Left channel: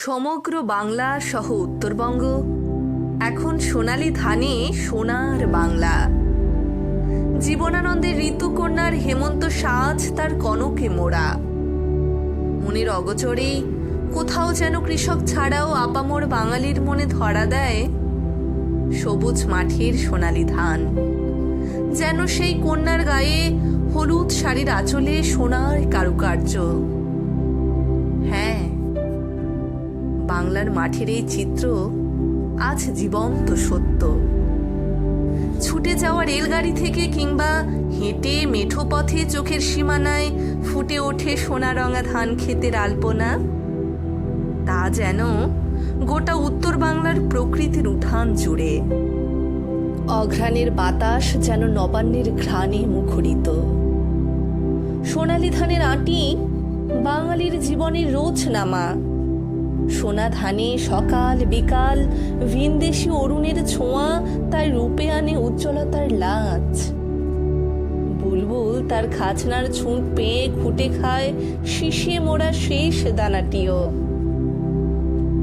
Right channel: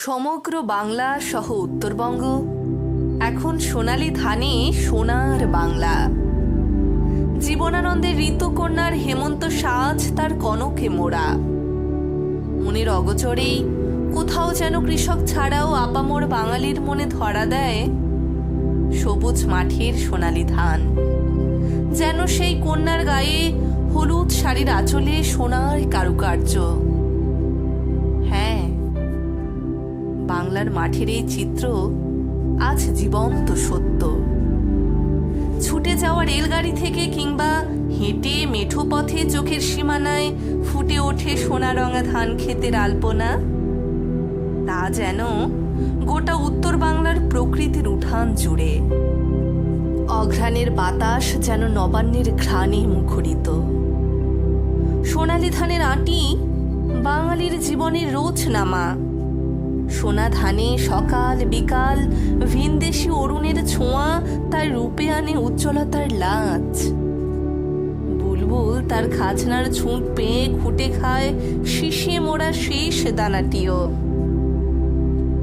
সমগ্র বাংলা সহ উত্তরবঙ্গ। এখন সোনালি ধানে সোনার বাংলা। জীবনানন্দের ঋতুকন্যার হেমন্ত সাজ তার কনকে মোড়া। মনের অগচরেই কোথাও যেন কৃষক ছাড়াও আপামর বাঙালির মনে ধরা দেয় সবুজ মাঠের সোনালি ধান। যেন সেই কন্যার গায়ে হলুদ শাড়ির আঁচলে সোনার কারুকার্য। বাংলার মাঠের এই চিত্র আজ জীবন্ত সত্য। ছুটে যাওয়া রেলগাড়ি থেকে কিংবা হেঁটে মেঠো পথে চোখের সীমানায় ফুটে ওঠে সোনা রঙা ধান ক্ষেতের আলপনা, তা যেন গোটা উত্তর বাংলার প্রকৃতির উঠান জুড়ে। অঘ্রাণের বাতাস যেন নবান্নের ঘ্রাণে মুখরিত। সোনালি ধানের আঁটি বাঙালির জীবনের রোজ নামা সোনা ধানে সকাল বিকাল ভিনদেশি অরুণের ছোঁয়া, তার রূপে আনে উজ্জ্বলতার লাজ। বুলবুল তার খাজনার ছুঁট পেয়ে খুঁটে খায় শিশিয়ে মোড়া শেষ দানাটিও।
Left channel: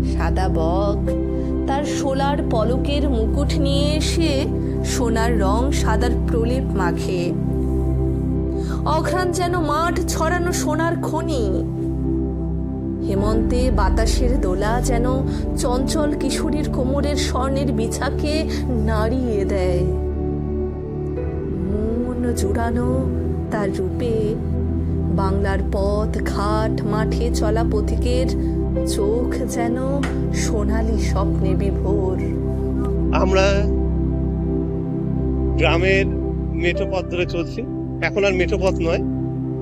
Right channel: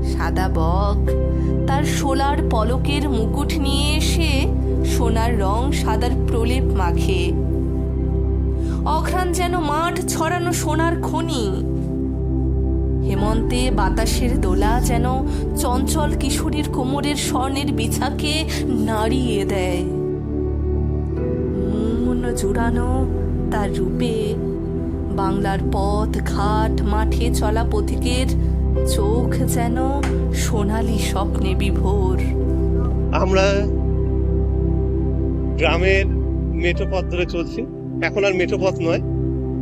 সাদা বক, তার সোলার পলকের মুকুট নিয়ে এসে সোনার রং সাদার প্রলেপ মাখে। অঘ্রাণ যেন মাঠ ছড়ানো সোনার খনি। হেমন্তে বাতাসের দোলা যেন চঞ্চল কিশোরীর কোমরের স্বর্ণের বিছাকে নাড়িয়ে দেয়। মন জোড়ানো তার রূপে বাংলার পথ, ঘাট, মাঠে চলা পথিকের চোখ যেন সোনালি স্বপ্নে বিভোর। আমরা গ্রামের মেঠো পথ ধরে চলছি। এখন আর মেঠো পথ নয়,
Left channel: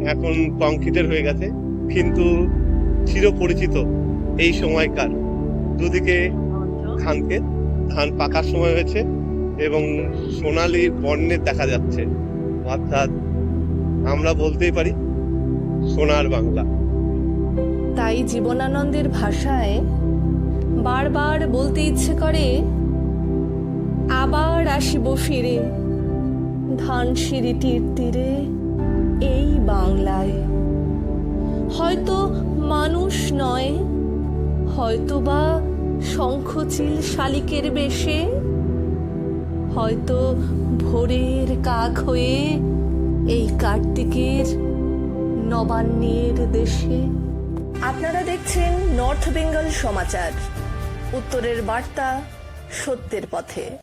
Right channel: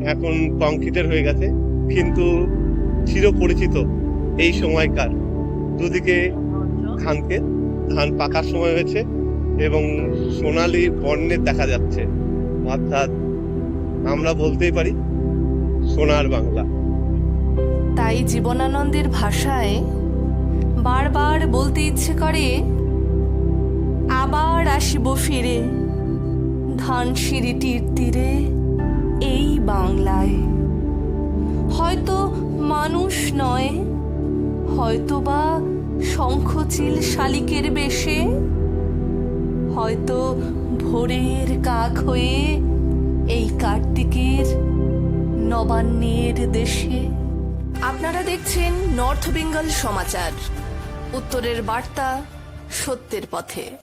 এখন কংক্রিটের হয়ে গেছে। কিন্তু চিরপরিচিত এই সময়কার। দুদিকে ধানকে ধান পাকার সময় হয়েছে এবং সোনালি বর্ণের দেখা যাচ্ছে। অর্থাৎ আমরা বলতেই পারি সোনার বাংলা। তাই জীবনানন্দের ভাষায় বারবার বলতে ইচ্ছে করে, আবার আসিব ফিরে ধানসিঁড়িটির তীরে এই বাংলায়। হয়তো মানুষ নয় হয়তো বা শঙ্খচিল শালিকের বেশে, হয়তো ভোরের কাক হয়ে এই কার্তিকের নবান্নের দেশে। আপনারা দেখছেন নর্থ বেঙ্গল সমাচার, উত্তরের বার্তা সত্যের পথে।